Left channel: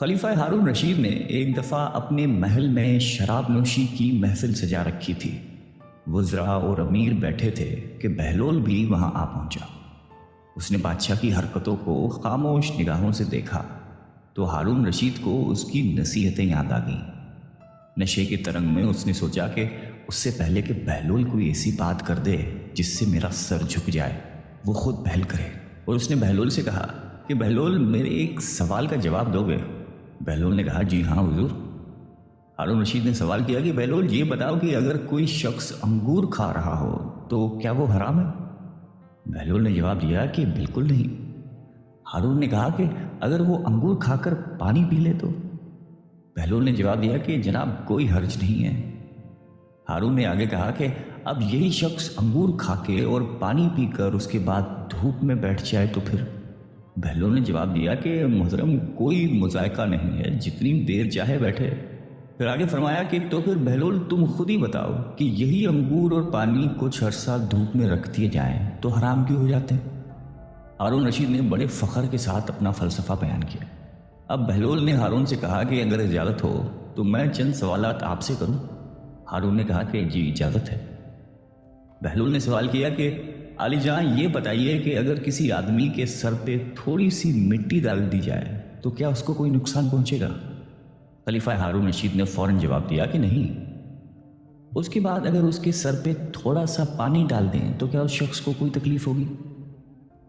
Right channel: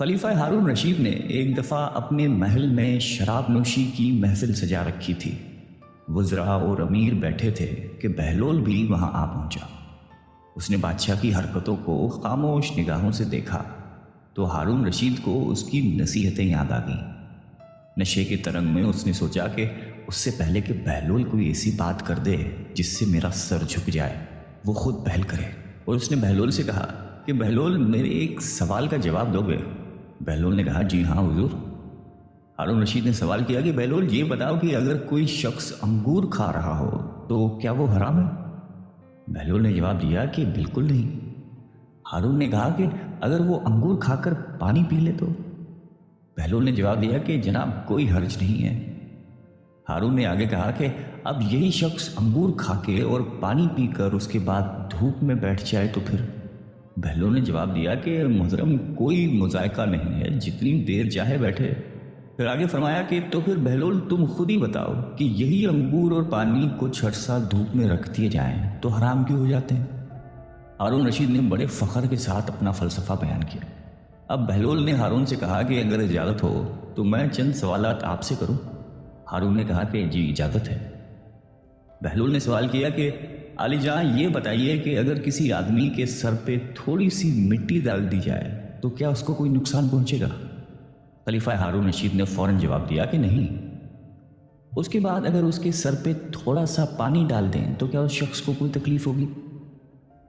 خلیفہ ہارون رشید نے ایک دفعہ اپنے محل میں شراب نوشی کی محفل سجا رکھی تھی۔ وزراء اور امیر بیٹھے تھے کہ بہلول بھی وہاں آ پہنچا۔ اس نے بادشاہ کی حرکتوں کو خاموش نگاہوں سے دیکھا تو ہارون رشید کو اس کی نصیحتیں یاد آ گئیں۔ نشے کے ترنگ میں اس نے سوچا کہ اس سے پہلے کہ بہلول کوئی ایسی بات کر دے جس سے میرا سر جھک جائے، وہ خود پہل کرے۔ اور اس نے بہلول سے کہا کہ بہلول، میرے ایک سوال کا جواب دو گے؟ بہلول نے کہا جی ہاں حضور۔ ہارون رشید نے سوال کیا کہ بہلول یہ بتاؤ کہ اگر کوئی شخص انگور کھا رہا ہو تو کیا وہ حرام ہے؟ بہلول نے جواب دیا کہ بالکل نہیں۔ ہارون نے کہا کہ اگر وہ انگور کھا کر پانی پی لے تو؟ بہلول نے جواب دیا کہ جناب کوئی حرج نہیں ہے۔ ہارون نے آگے کہا کہ اب یہی شخص انگور کھا کے اور پانی پی کر اس کے بعد دھوپ میں بیٹھ جائے تو پھر؟ بہلول نے جواب دیا کہ محترم کوئی مذائقہ نہیں ہے، جتنی دیر چاہے بیٹھے۔ پھر آگے فرمایا کہ تو پھر بہلول تم خود ہی بتاؤ کہ یہی انگور اور پانی کچھ عرصہ دھوپ میں رکھ دیے جائیں تو حرام کیوں ہو جاتے ہیں؟ ہارون رشید نے بڑے فخر کے ساتھ اپنا فلسفہ بیان کیا۔ اب بہلول نے ہارون سے کہا کہ اگر اجازت ہو تو میں چند سوالات آپ سے کروں۔ ہارون نے کہا کہ جی اجازت ہے۔ بہلول نے سوال کیا کہ علی جان یہ بتائیے کہ اگر کسی آدمی کے سر پہ تھوڑی سی مٹی ڈال دی جائے تو کیا اس کو کوئی نقصان پہنچے گا؟ خلیفہ ہارون رشید نے فوراً جواب دیا کہ نہیں۔ اس کے بعد اگر اس کے سر پہ تھوڑا سا پانی ڈال دیں تو کیا اس شخص کو کوئی تکلیف ہوگی؟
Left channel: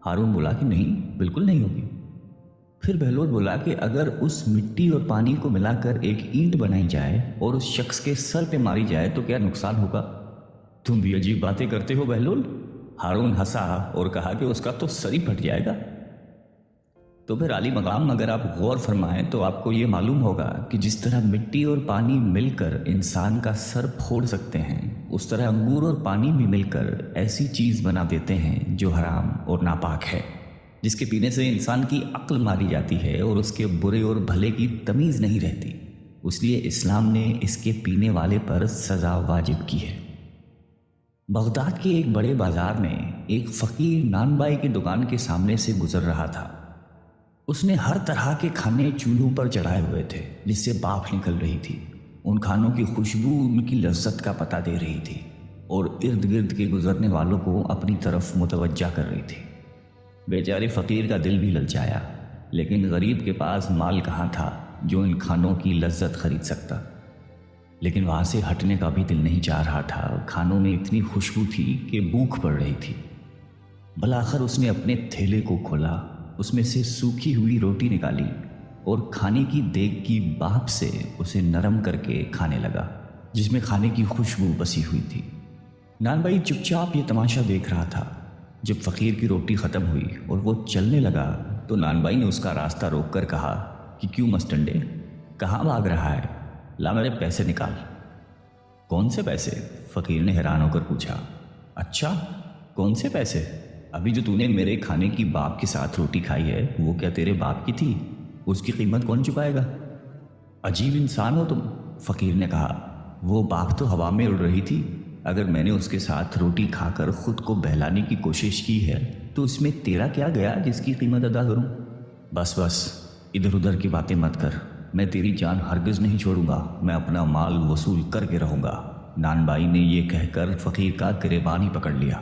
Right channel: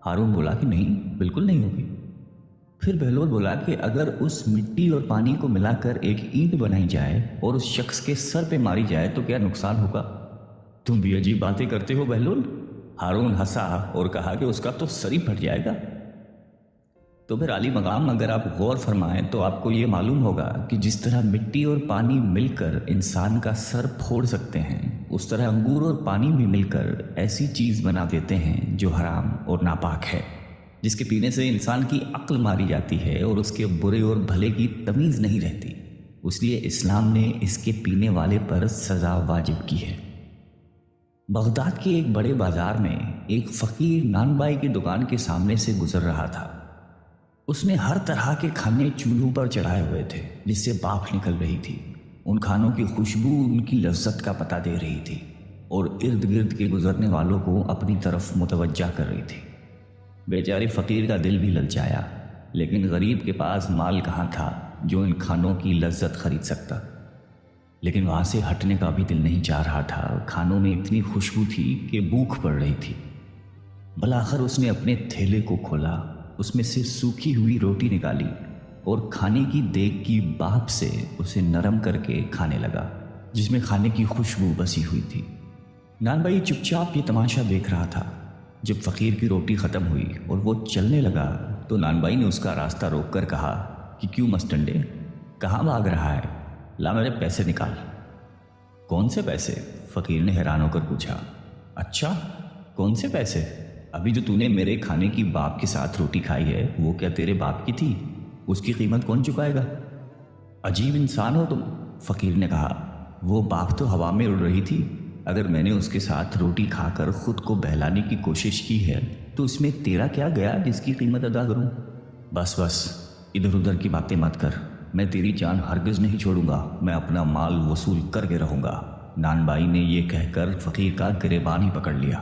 ہارون بولا کہ نہیں، بالکل نہیں ہوگی۔ پھر بہلول بولا کہ اگر اس مٹی اور پانی کو ملا کر ایک اینٹ بنائی جائے اور اس شخص کے سر پہ ماری جائے تو کیا نقصان ہوگا؟ تم بھی عجیب باتیں کرتے ہو بہلول۔ ہارون ہنسا اور کہا کہ اس کا تو سر ہی پھٹ جائے گا۔ تو پھر عالی مقام اگر آپ غور فرمائیں تو آپ کو یہ معلوم ہوگا کہ جس طرح مٹی اور پانی مل کر انسان کا سر پھوڑ سکتے ہیں، اس طرح انگور اور پانی بھی مل کر ایسی چیز بنا دیتے ہیں جو حرام اور ناپاک ہے، جس کے پینے سے انسان کی عقل ماری جاتی ہے اور اس کے برے اور بھلے کی تمیز نہیں رہتی۔ اس لیے اسلام نے اس کے پینے والے پر سزا واجب کی ہے۔ بغداد کے ایک بڑے بازار میں ایک فقیر نان بائی کی دکان کے سامنے سے گزر رہا تھا۔ اس نے ہر طرح کے کھانے چولہوں پر چڑھائے ہوئے تھے جس سے بھاپ نکل رہی تھی۔ ان کھانوں کی خوشبو ان کی لذت کا پتہ دے رہی تھی اور ارد گرد کے گزرنے والوں کو اپنی طرف متوجہ کر رہی تھی۔ بیچارے فقیر کا دل بھی للچایا، لیکن غریب کے پاس مال کہاں تھا جو ان کھانوں کی لذت خرید سکتا۔ لیکن وہاں سے ہٹنے کا بھی دل نہیں چاہ رہا تھا۔ کھانوں میں اتنی خوشبو تھی کہ بھوک پڑ رہی تھی۔ بالآخر اس نے اپنے تھیلے کو کھولا، اس میں سے سوکھی ہوئی روٹی نکالی اور کھانے کی دیگ کی بھاپ سے اسے نرم کر کے کھانے لگا، جس میں کھانے کی خوشبو بسی ہوئی تھی۔ نان بھائی چپ چاپ یہ تماشا دیکھ رہا تھا۔ جب فقیر کی روٹی ختم ہوئی اور وہ چلنے لگا تو نان بھائی نے اس کا راستہ روک کر کہا کہ کیوں مسٹنڈے، کہاں بھاگ رہا ہے؟ لا میرے پیسے نکال۔ کون سے پیسے؟ فقیر نے حیران ہو کر پوچھا۔ اچھا کون سے پیسے؟ ابھی جو نے میرے کھانے کی باپ کے ساتھ روٹی کھائی ہے وہ کیا تیرے باپ کی تھی؟ اس کی قیمت کون چکائے گا؟ عجیب انسان ہو تم، فقیر نے کہا۔ وہ باغ تو ہوا میں اڑ رہی تھی۔ اگر میں نے اس کے ساتھ روٹی کھا کر خود کو بہلانے کی کوشش کی ہے تو اس میں تیرا کیا گیا جس کی قیمت ادا کروں؟ بس ادھر ادھر کی باتیں مت کر، میں تیری جان ہرگز نہیں چھوڑوں گا، میں اپنا مال وصول کر کے رہوں گا۔ نان بھائی نے یہ کہہ کر فقیر کا گریبان ہی پکڑ لیا۔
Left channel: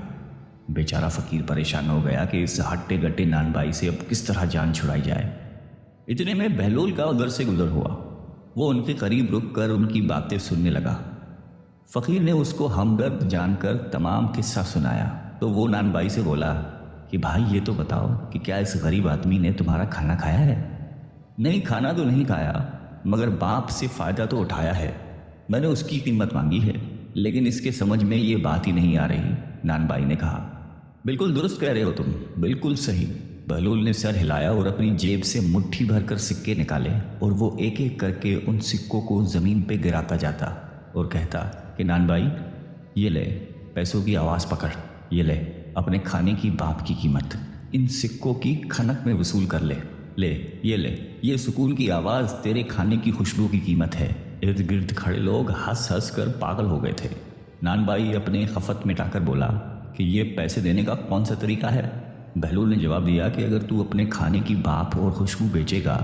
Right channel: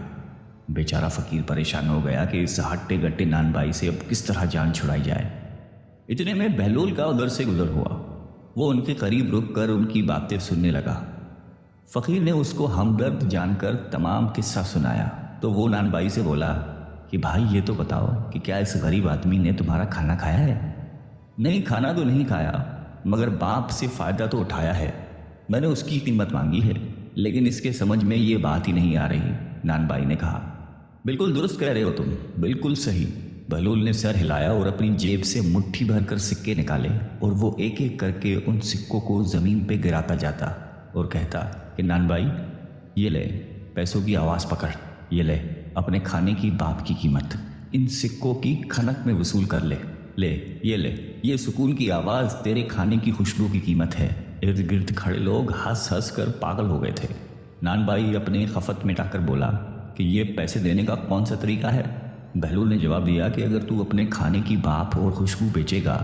بیچارہ فقیر پریشان ہو گیا کہ اس ہٹے گٹے نان بھائی سے اب کس طرح جان چھڑائی جائے۔ اتنے میں بہلول کا ادھر سے گزر ہوا۔ وہ ان کے قریب رک کر ان کی باتیں سننے لگا۔ فقیر نے اس کو ہمدرد جان کر تمام قصہ سنایا تو وہ نان بھائی سے بولا کہ بھائی یہ تو بتاؤ کہ کیا اس غریب آدمی نے تمہارا کھانا کھایا ہے؟ نہیں، کھانا تو نہیں کھایا، مگر باپ سے فائدہ تو اٹھایا ہے۔ میں نے اس کی قیمت مانگی ہے، لیکن اس کے سمجھ میں یہ بات ہی نہیں آ رہی۔ نان بھائی نے کہا بالکل درست کہہ رہے ہو تم، بالکل صحیح۔ بہلول نے سر ہلایا اور اپنی جیب سے مٹھی بھر کر سکے نکالے اور وہ ایک ایک کر کے ان سکوں کو زمین پہ گراتا جاتا اور کہتا کہ نان بھائی یہ لے پیسوں کی آواز پکڑ، یہ لے اپنے کھانے کی باپ کی قیمت، ان سکوں کی کھنک میں وصول کر لے، لے یہ سکون کی آواز تیرے کھانے کی خوشبو کی قیمت ہے۔ ارد گرد کھڑے لوگ ہنس ہنس کر پاگل ہو گئے تھے۔ نان بھائی اپنے خفت مٹا کر بولا کہ یہ پیسے دینے کا کون سا طریقہ ہے؟ بہلول نے جواب دیا کہ اگر تو اپنے کھانے کی باپ اور خوشبو بیچے گا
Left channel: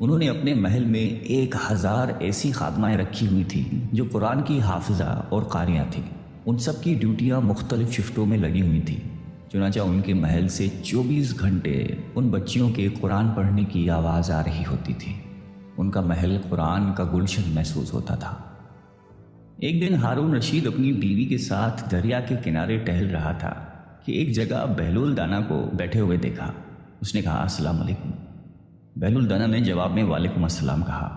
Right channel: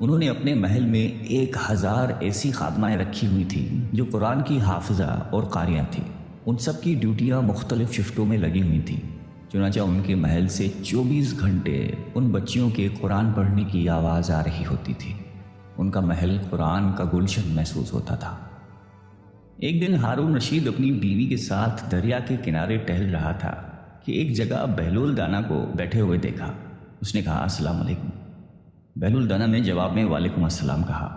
انہوں نے اپنے محل میں 1000 ایسی خاتمائیں رکھی ہوئی تھی جو قرآن کی حافظہ اور قاریاں تھیں۔ ان سب کی ڈیوٹیاں مختلف شفٹوں میں لگی ہوئی تھیں۔ چنانچہ ان کے محل سے 24 گھنٹے ان بچیوں کے قرآن پڑھنے کی آواز آ رہی ہوتی تھی۔ ان کا محل قرآن کا گلشن محسوس ہوتا تھا۔ ایک دن ہارون رشید اپنی بیوی کے ساتھ دریا کے کنارے ٹہل رہا تھا کہ ایک جگہ بہلول دانا کو بیٹھے ہوئے دیکھا۔ اس نے کہا السلام علیکم۔ بہلول دانا نے جواب میں وعلیکم السلام کہا۔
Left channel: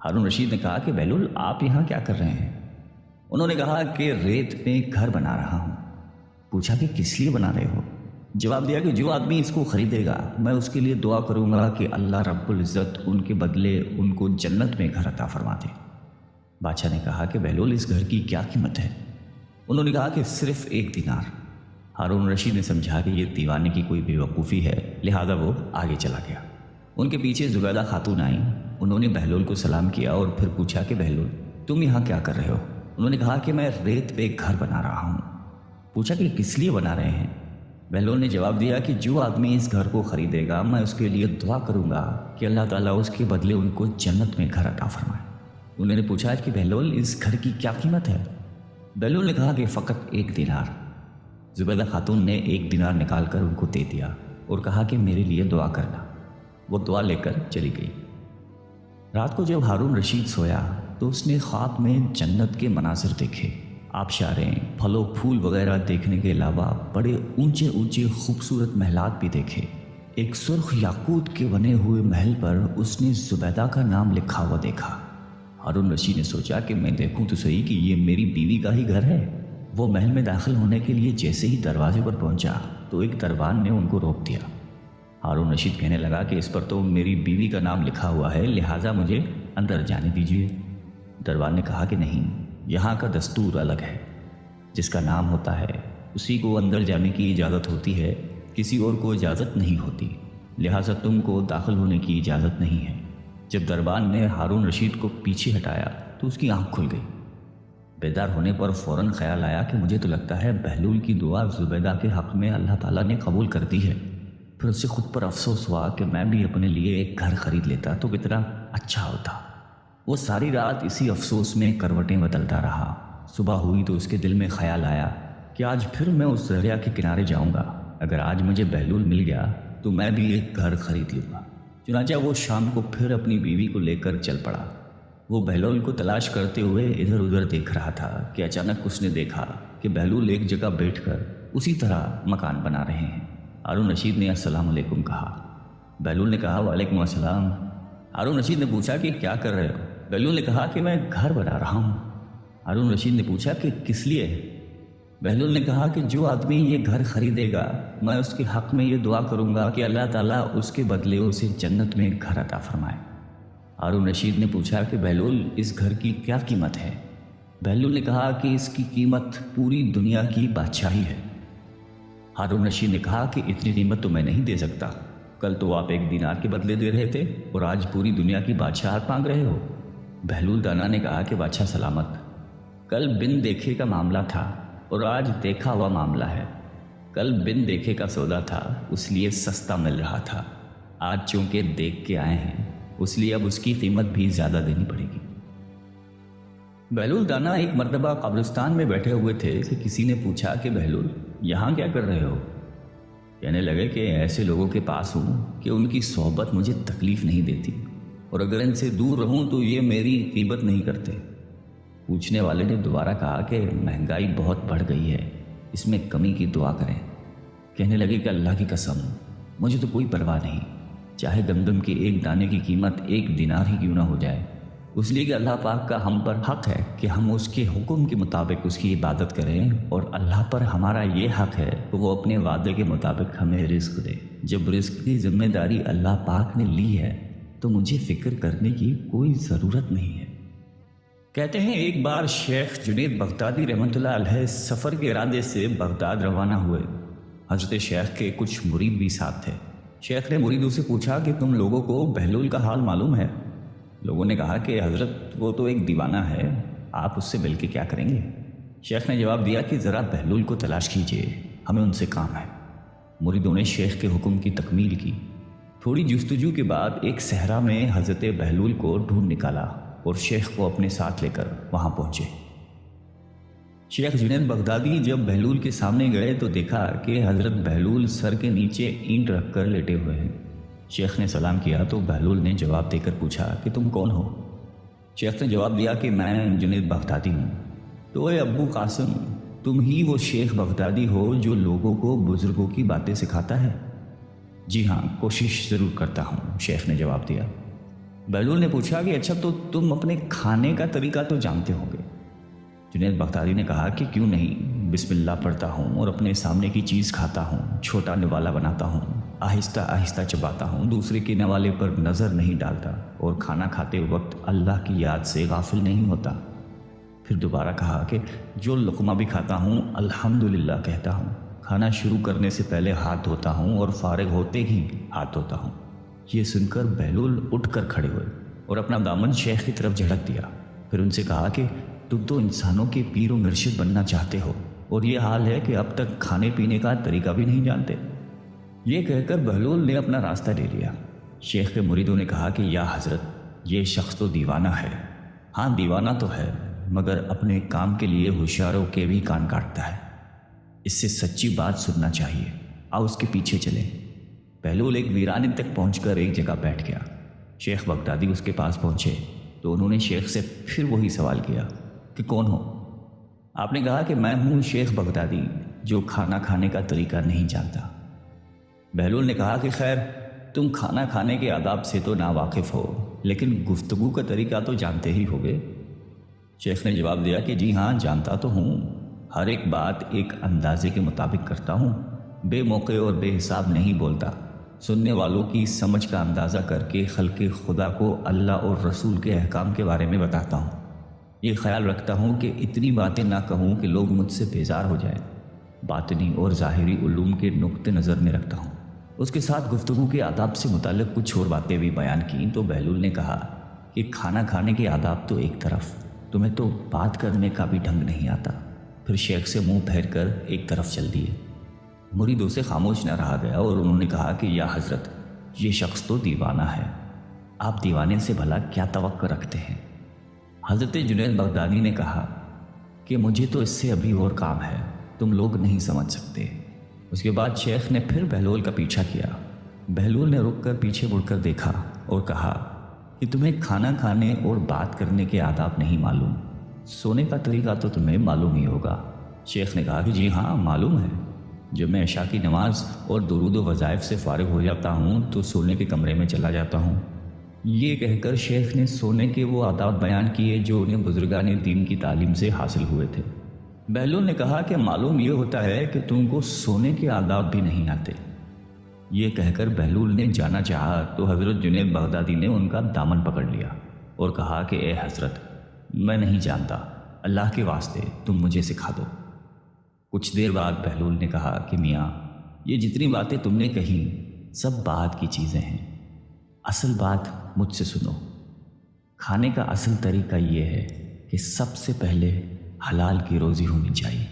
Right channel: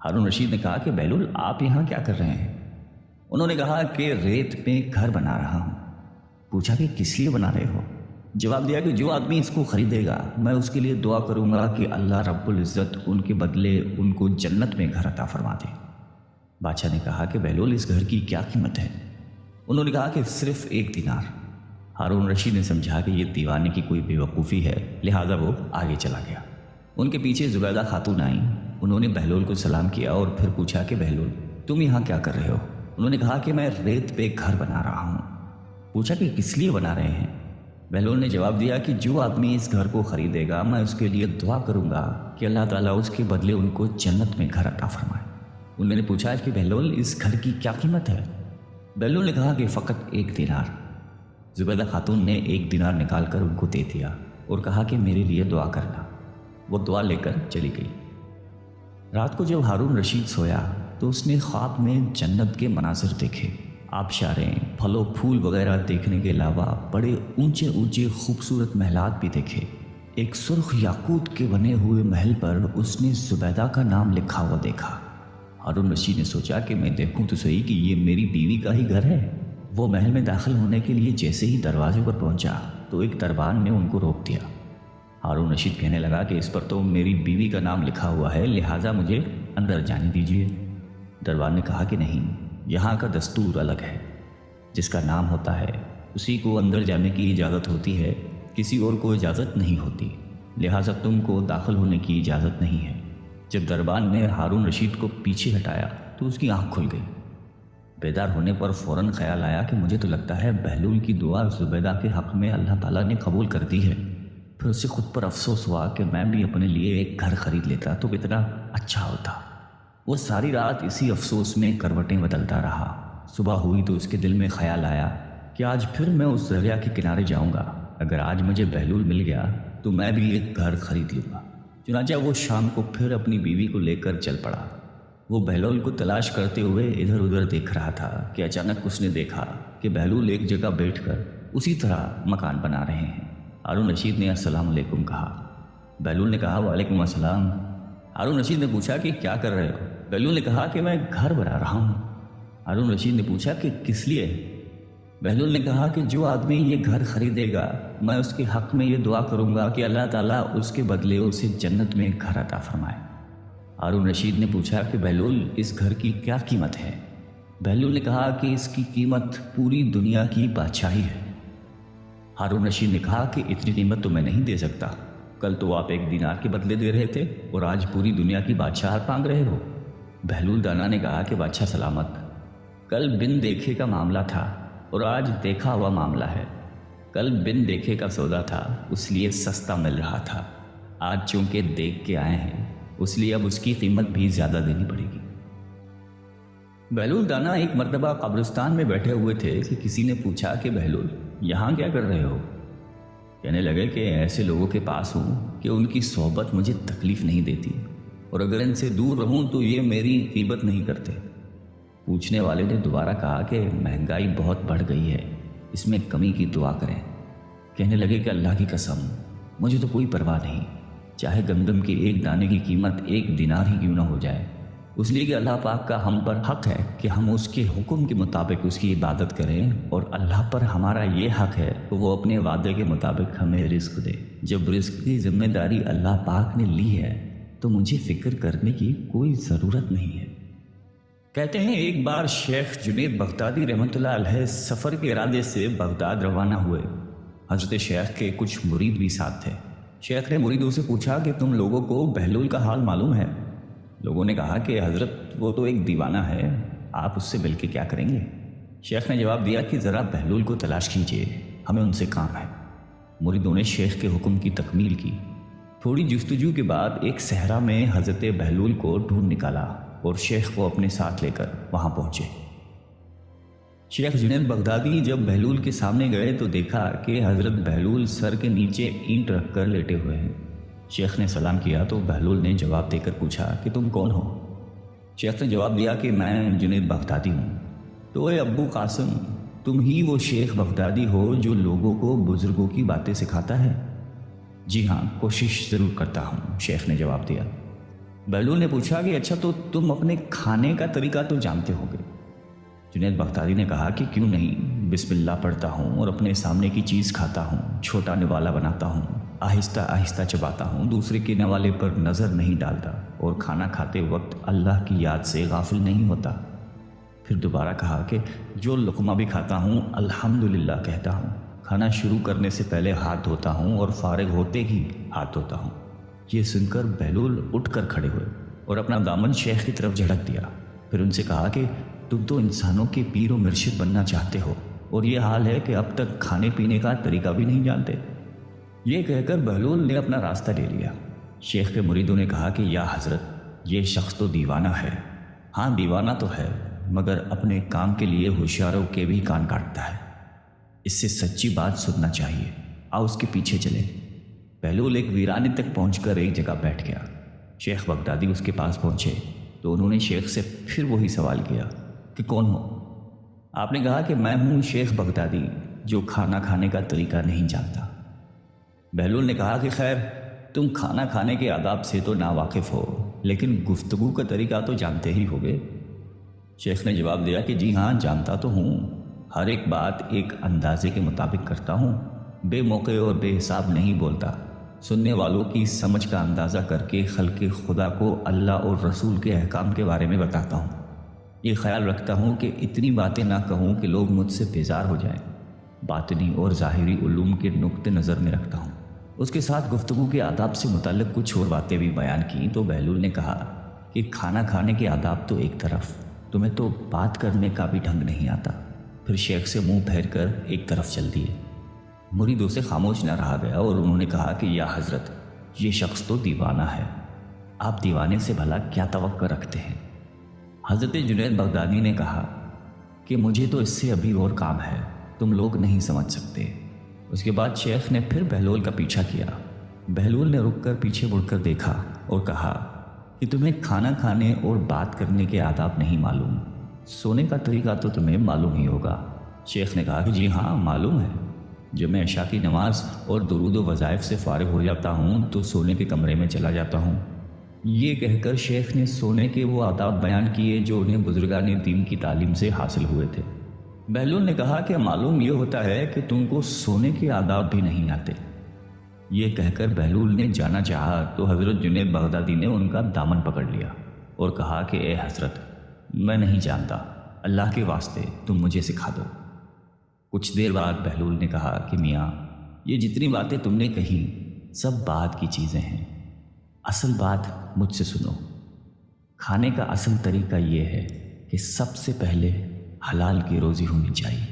ہارون رشید نے کہا کہ بہلول آپ یہاں کیا کر رہے ہیں؟ انہوں نے کہا کہ ریت میں گھر بنا رہا ہوں۔ پوچھا کہ کس لیے بنا رہے ہو؟ جواب دیا کہ جو آدمی اس کو خریدے گا میں اس کے لیے دعا کروں گا کہ اللہ رب العزت ان کے بدلے ان کو جنت میں گھر عطا فرما دے۔ بادشاہ نے کہا کہ بہلول اس گھر کی کیا قیمت ہے؟ انہوں نے کہا کہ صرف 1 دینار۔ ہارون رشید نے سمجھا کہ یہ دیوانے کی کوئی بے وقوفی ہے، لہذا وہ آگے چلا گیا۔ ان کے پیچھے زبیدہ خاتون آئیں۔ انہوں نے بہلول کو سلام کیا اور پھر پوچھا کہ بہلول تم یہاں کیا کر رہے ہو؟ انہوں نے کہا کہ میں ریت پہ گھر بنا رہا ہوں۔ پوچھا کہ کس لیے بنا رہے ہیں؟ بہلول نے جواب دیا کہ جو آدمی اس گھر کو خریدے گا میں اس کے لیے دعا کروں گا کہ اللہ تعالیٰ اس کے بدلے ان کو جنت میں گھر عطا فرمائے۔ انہوں نے پوچھا کہ بہلول اس گھر کی کیا قیمت ہے؟ بہلول نے کہا کہ فقط 1 دینار۔ زبیدہ خاتون نے 1 دینار نکال کر ان کو دے دیا اور کہا کہ میرے لیے دعا کرنا۔ وہ دعا لے کر چلی گئی۔ رات کو جب ہارون رشید سویا تو اس نے خواب میں جنت کے مناظر دیکھے۔ آبشاریں، پھل و پھول وغیرہ دیکھنے کے علاوہ بڑے اونچے اونچے خوبصورت محلات بھی دیکھے۔ ایک سرخ یاقوت کے بنے ہوئے محل پر اس نے زبیدہ کا نام لکھا ہوا دیکھا۔ ہارون رشید نے سوچا کہ میں دیکھوں تو صحیح کہ یہ میری بیوی کا ہی گھر ہے۔ وہ محل میں داخل ہونے کے لیے جیسے ہی دروازے پر پہنچا تو ایک دربان نے ان کو روک دیا۔ ہارون رشید کہنے لگا کہ اس پر تو میری بیوی کا نام لکھا ہوا ہے، لہٰذا مجھے اندر جانے دیجیے۔ دربان نے کہا کہ نہیں، یہاں کا دستور الگ ہے۔ جس کا نام ہوتا ہے اسی کو اندر جانے کی اجازت ہوتی ہے، کسی اور کو اجازت نہیں ہوتی، لہٰذا تم کو داخل ہونے کی اجازت نہیں ہے۔ جب دربان نے ہارون رشید کو پیچھے ہٹایا تو اس کی آنکھ کھل گئی۔ بیدار ہونے پر فوراً خیال آیا کہ مجھے تو لگتا ہے بہلول کی دعا زبیدہ کے حق میں اللہ تعالیٰ نے قبول کر دی ہے۔ پھر اسے خود پر افسوس ہوا کہ میں بھی اپنے لیے ایک گھر خرید لیتا تو کتنا اچھا ہوتا۔ وہ ساری رات اسی افسوس میں کروٹیں بدلتا رہا۔ صبح ہوئی تو اس کے دل میں خیال آیا کہ آج پھر میں اس دریا کے کنارے جاؤں گا۔ اگر آج مجھے بہلول مل گیا تو میں بھی ایک گھر خرید لوں گا۔ چنانچہ وہ شام کو پھر اپنی بیوی کو لے کر چل پڑا۔ وہ بہلول کو تلاش کرتے ہوئے ادھر ادھر دیکھ رہا تھا کہ اچانک اس نے دیکھا کہ بہلول ایک جگہ بیٹھ کر اسی طرح مکان بنا رہے ہیں۔ ہارون رشید نے السلام علیکم کہا۔ بہلول نے کہا وعلیکم السلام۔ ہارون رشید نے پوچھا کہ کیا کر رہے ہو؟ بہلول نے کہا کہ میں گھر بنا رہا ہوں۔ ہارون رشید نے پوچھا کہ کس لیے؟ بہلول نے کہا کہ جو آدمی یہ گھر خریدے گا میں اس کے حق میں یہ دعا کروں گا کہ اللہ تعالیٰ اس کے بدلے اسے جنت میں گھر عطا فرمائے۔ ہارون رشید نے پوچھا کہ بہلول اس گھر کی کیا قیمت ہے؟ بہلول نے کہا کہ اس کی قیمت پوری دنیا کی بادشاہی ہے۔ ہارون رشید نے کہا کہ اتنی قیمت تو میں نہیں دے سکتا۔ کل تو آپ 1 دینار کے بدلے دے رہے تھے اور آج پوری دنیا کی بادشاہت مانگ رہے ہو۔ بہلول دانا نے کہا کہ بادشاہ سلامت، کل بن دیکھے کا معاملہ تھا اور آج دیکھا ہوا معاملہ ہے۔ کل بن دیکھے کا سودا تھا اس لیے سستا مل رہا تھا، آج چونکہ دیکھ کے آئے ہیں اس لیے اب اس کی قیمت بھی زیادہ دینی پڑے گی۔ بہلول دانا ایک مرتبہ قبرستان میں بیٹھے ہوئے تھے کہ کسی نے پوچھا کہ بہلول یہاں کیا کر رہے ہو؟ کہنے لگے کہ ایسے لوگوں کے پاس ہوں کہ ان کی صحبت مجھے تکلیف نہیں دیتی اور اگر ان سے دور رہوں تو یہ میری غیبت نہیں کرتے۔ پوچھنے والے نے دوبارہ کہا کہ مہنگائی بہت بڑھ گئی ہے، اس میں کمی کی دعا کریں۔ کہنے لگے کہ اللہ کی قسم مجھے تو کوئی پرواہ نہیں، چاہے گندم کے 1 دانے کی قیمت 1 دینار ہی کیوں نہ ہو جائے، اس لیے کہ اللہ پاک کا ہم پر حق ہے کہ ہم اس کے حکم کے مطابق اس کی عبادت کریں، اور اللہ پر ہمارا یہ حق ہے کہ وہ اپنے وعدے کے مطابق ہمیں رزق دے۔ جب رزق کی ذمہ داری اللہ پاک نے لی ہے تو مجھے فکر کرنے کی کوئی ضرورت نہیں ہے۔ کہتے ہیں ایک بار شیخ جنید بغدادی رحمۃ اللہ علیہ سفر کے ارادے سے بغداد روانہ ہوئے۔ حضرت شیخ کے کچھ مرید بھی ساتھ تھے۔ شیخ نے مریدوں سے پوچھا کہ تم لوگوں کو بہلول کا حال معلوم ہے؟ لوگوں نے کہا کہ حضرت وہ تو ایک دیوانہ ہے، آپ اس سے مل کے کیا کریں گے؟ شیخ نے جواب دیا کہ ذرا بہلول کو تلاش کیجیے، ہمیں ان سے کام ہے۔ مریدوں نے شیخ کے حکم کی تکمیل کی۔ تھوڑی جستجو کے بعد ایک صحرا میں حضرت بہلول کو ڈھونڈ نکالا اور شیخ کو اپنے ساتھ لے کر وہاں پہنچے۔ شیخ جنید بغدادی جب بہلول کے سامنے گئے تو دیکھا کہ حضرت بہلول سر کے نیچے اینٹ رکھ کر لیٹے ہوئے ہیں۔ شیخ نے سلام کیا تو بہلول نے جواب دے کر پوچھا کہ تم کون ہو؟ شیخ نے جواب دیا کہ میں جنید بغدادی ہوں۔ تو اے ابو قاسم، تم ہی وہ شیخ بغدادی ہو جو لوگوں کو بزرگوں کی باتیں سکھاتا ہے؟ جی ہاں، کوشش ضرور کرتا ہوں، شیخ نے جواب دیا۔ بہلول نے پوچھا کہ اچھا تو تم اپنے کھانے کا طریقہ تو جانتے ہوگے؟ جنید بغدادی نے کہا کہ کیوں نہیں، بسم اللہ پڑھتا ہوں اور اپنے سامنے کی چیز کھاتا ہوں، چھوٹا نوالا بناتا ہوں، آہستہ آہستہ چباتا ہوں، دوسرے کے نوالے پر نظر نہیں ڈالتا اور کھانا کھاتے وقت اللہ کی یاد سے غافل نہیں ہوتا۔ پھر دوبارہ کہا کہ جو لقمہ بھی کھاتا ہوں الحمدللہ کہتا ہوں، کھانا شروع کرنے سے پہلے ہاتھ دھوتا ہوں اور فارغ ہوتے ہی ہاتھ دھوتا ہوں۔ یہ سن کر بہلول اٹھ کر کھڑے ہوئے اور اپنا دامن شیخ کی طرف جھٹک دیا۔ پھر ان سے کہا کہ تم تو انسانوں کے پیر و مرشد بننا چاہتے ہو اور یہ حال ہے کہ اب تک کھانے پینے کا طریقہ بھی نہیں جانتے۔ یہ کہہ کر بہلول نے اپنا راستہ لے لیا۔ شیخ کے مریدوں نے کہا کہ یا حضرت، یہ شخص تو دیوانہ ہے۔ ہاں دیوانہ تو ہے، مگر اپنے کام کے لیے ہوشیاروں کے بھی کان کاٹتا ہے۔ اس سے سچی بات سننا چاہیے، آؤ اس کے پیچھے چلیں۔ بہلول ایک ویرانے تک پہنچ کر ایک جگہ بیٹھ گیا۔ شیخ بغدادی اس کے پاس پہنچے تو انہوں نے شیخ سے پھر وہی سوال کیا کہ کون ہو؟ آپ نے کہا کہ میں ہوں شیخ بغدادی جو کھانا کھانے کا طریقہ نہیں جانتا۔ بہلول نے کہا کہ خیر، تم کھانا کھانے کے آداب سے تو ناواقف ہو، لیکن گفتگو کا طریقہ تو جانتے ہی ہوں گے۔ شیخ نے جواب دیا کہ جی ہاں، جانتا تو ہوں، ہر ایک بات ایک اندازے کے مطابق کرتا ہوں، بے موقع اور بے حساب نہیں بولتا، سننے والوں کی سمجھ کا اندازہ کر کے خلق خدا کو اللہ اور رسول کے احکام کے بارے میں بتاتا ہوں۔ یہ خیال رکھتا ہوں کہ اتنی باتیں نہ کہوں کہ لوگ مجھ سے بیزار ہو جائیں۔ باطنی اور ظاہری علوم کے نقطہ نظر میں رکھتا ہوں۔ اس کے ساتھ گفتگو کے آداب سے متعلق کچھ اور باتیں بھی بیان کی تو بہلول نے کہا کہ کھانا کھانے کے آداب تو ایک طرف، تمہیں تو بات کرنے کا بھی ڈھنگ نہیں آتا۔ پھر شیخ سے منہ پھیر کر ایک طرف چل دیے۔ مریدوں سے خاموش نہ رہا گیا اور انہوں نے کہا کہ یا حضرت، یہ شخص تو دیوانہ ہے، آپ دیوانے سے بھلا کیا توقع رکھتے ہیں؟ حضرت جنید بغدادی نے کہا کہ مجھے تو اس سے ابھی اور کام ہے، تم لوگ نہیں سمجھ سکتے۔ اس کے بعد شیخ نے پھر بہلول کا پیچھا کیا۔ بہلول نے رک کر پیچھے مڑ کر دیکھا اور کہا کہ تمہیں کھانا کھانے اور بات کرنے کے آداب نہیں معلوم، سونے کا طریقہ تو تمہیں معلوم ہی ہوگا۔ شیخ نے کہا کہ جی ہاں معلوم ہے، جب میں عشاء کی نماز اور درود و وظائف سے فارغ ہو جاتا ہوں تو سونے کے کمرے میں چلا جاتا ہوں۔ یہ کہہ کر شیخ نے سونے کے وہ آداب بیان کیے جو انہیں بزرگان دین کی تعلیم سے حاصل ہوئے تھے۔ بہلول نے کہا کہ معلوم یہ ہوتا ہے کہ تم کو سونے کے آداب بھی نہیں آتے۔ یہ کہہ کر بہلول نے جانا چاہا تو حضرت جنید بغدادی نے ان کا دامن پکڑ لیا اور کہا کہ اے حضرت، میں نہیں جانتا، اللہ کے واسطے تم مجھے سکھا دو۔ کچھ دیر بعد بہلول نے کہا کہ میاں، یہ جتنی باتیں تم نے کہیں سب بات کی چیزیں ہیں، اصل بات مجھ سے سنو۔ کھانے کا اصل طریقہ یہ ہے کہ سب سے پہلے حلال کی روزی ہونی چاہیے۔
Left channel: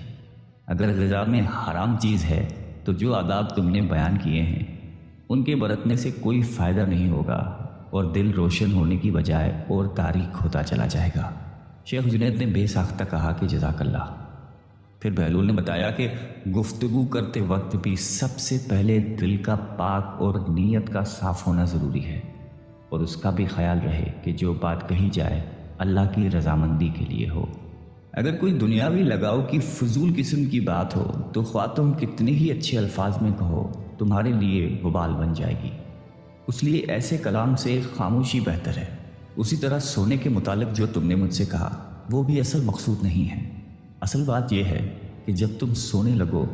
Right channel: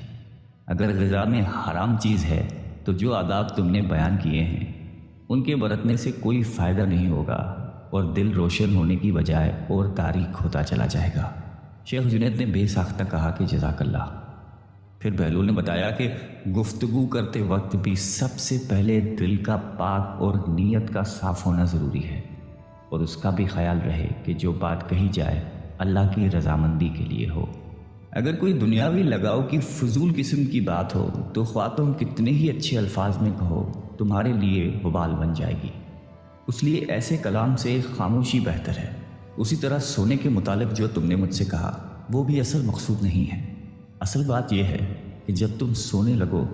اگر غذا میں حرام چیز ہے تو جو آداب تم نے بیان کیے ہیں ان کے برتنے سے کوئی فائدہ نہیں ہوگا اور دل روشن ہونے کی بجائے اور تاریک ہوتا چلا جائے گا۔ شیخ جنید نے بے ساختہ کہا کہ جزاک اللہ۔ پھر بہلول نے بتایا کہ گفتگو کرتے وقت بھی سب سے پہلے دل کا پاک اور نیت کا صاف ہونا ضروری ہے، اور اس کا بھی خیال رہے کہ جو بات کہی جائے اللہ کی رضامندی کے لیے ہو۔ اگر کوئی دنیاوی لگاؤ کی فضول قسم کی بات ہو تو خواہ تم کتنے ہی اچھے الفاظ میں کہو، تمہارے لیے وبال بن جائے گی۔ اس لیے ایسے کلام سے خاموشی بہتر ہے۔ اسی طرح سونے کے متعلق جو تم نے مجھ سے کہا وہ بھی اصل مقصود نہیں ہے۔ اصل بات یہ ہے کہ جب تم سونے لگو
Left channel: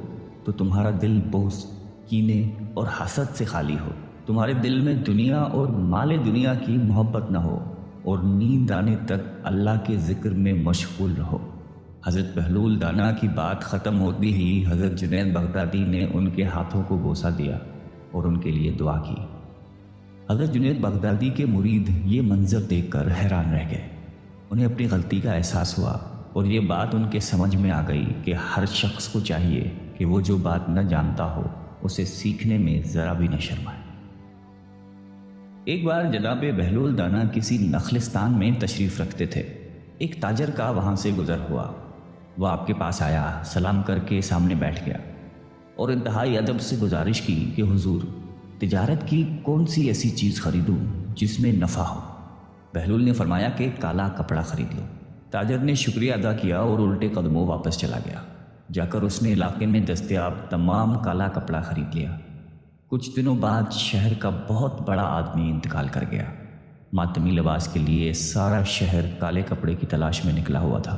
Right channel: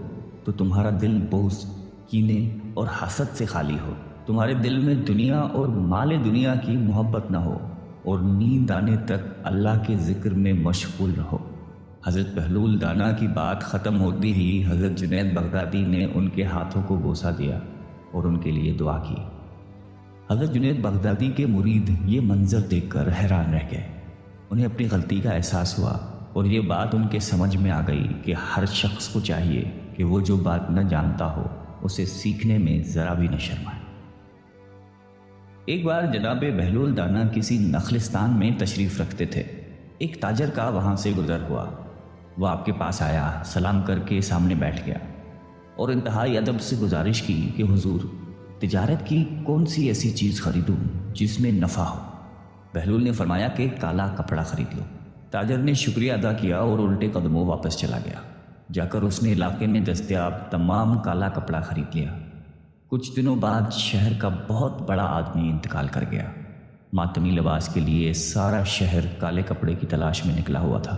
تو تمہارا دل بغض، کینے اور حسد سے خالی ہو، تمہارے دل میں دنیا اور مال دنیا کی محبت نہ ہو، اور نیند آنے تک اللہ کے ذکر میں مشغول رہو۔ حضرت بہلول دانا کی بات ختم ہوتی ہی حضرت جنید بغدادی نے ان کے ہاتھوں کو بوسہ دیا اور ان کے لیے دعا کی۔ حضرت جنید بغدادی کے مرید یہ منظر دیکھ کر حیران رہ گئے۔ انہیں اپنی غلطی کا احساس ہوا اور یہ بات ان کے سمجھ میں آ گئی کہ ہر شخص کو چاہیے کہ وہ جو بات نہ جانتا ہو اسے سیکھنے میں ذرا بھی نہ شرمائے۔ ایک بار جناب بہلول دانا کسی نخلستان میں تشریف رکھتے تھے۔ ایک تاجر کا وہاں سے گزر ہوا، وہ آپ کے پاس آیا، سلام کر کے سامنے بیٹھ گیا اور انتہائی ادب سے گزارش کی کہ حضور، تجارت کی کون سی ایسی چیز خریدوں جس میں نفع ہو؟ بہلول نے فرمایا کہ کالا کپڑا خرید لو۔ تاجر نے شکریہ ادا کیا اور الٹے قدموں واپس چلا گیا۔ جا کر اس نے علاقے میں دستیاب تمام کالا کپڑا خرید لیا۔ کچھ دنوں بعد شہر کا بہت بڑا آدمی انتقال کر گیا۔ ماتمی لباس کے لیے سارا شہر کالے کپڑے کی تلاش میں نکلا ہوا تھا۔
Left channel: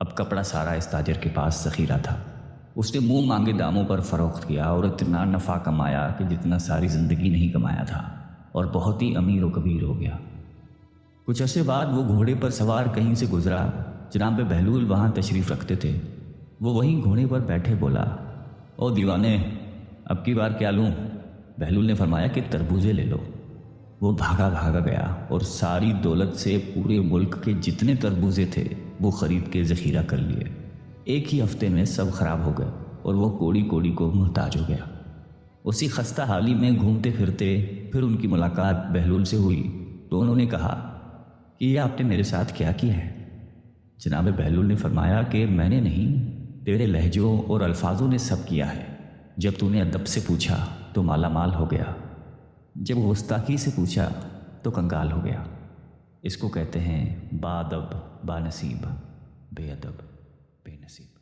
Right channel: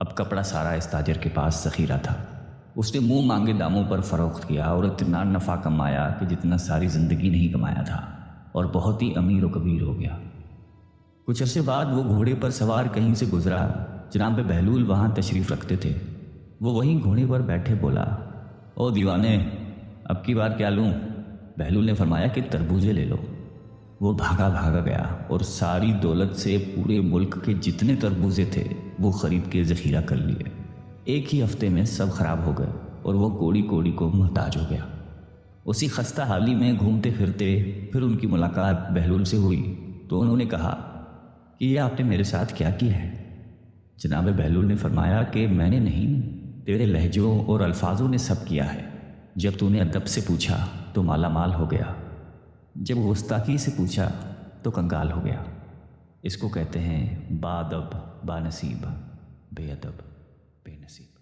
اب کپڑا سارا اس تاجر کے پاس ذخیرہ تھا۔ اس نے منہ مانگے داموں پر فروخت کیا اور اتنا نفع کمایا کہ جتنا ساری زندگی نہیں کمایا تھا، اور بہت ہی امیر و کبیر ہو گیا۔ کچھ عرصے بعد وہ گھوڑے پر سوار کہیں سے گزرا۔ جناب بہلول وہاں تشریف رکھتے تھے۔ وہ وہیں گھوڑے پر بیٹھے بولا، او دیوانے، اب کی بار کیا لوں؟ بہلول نے فرمایا کہ تربوزے لے لو۔ وہ بھاگا گیا اور ساری دولت سے پورے ملک کے جتنے تربوزے تھے وہ خرید کے ذخیرہ کر لیے۔ ایک ہی ہفتے میں سب خراب ہو گئے اور وہ کوڑی کوڑی کو محتاج ہو گیا۔ اسی خستہ حالی میں گھومتے پھرتے پھر ان کی ملاقات بہلول سے ہوئی تو انہوں نے کہا کہ یہ آپ نے میرے ساتھ کیا کیا ہے؟ جناب بہلول نے فرمایا کہ میں نے نہیں، تیرے لہجوں اور الفاظوں نے سب کیا ہے۔ جب تو نے ادب سے پوچھا تو مالا مال ہو گیا، جب گستاخی سے پوچھا تو کنگال ہو گیا۔ اس کو کہتے ہیں با ادب با نصیب، بے ادب بے نصیب۔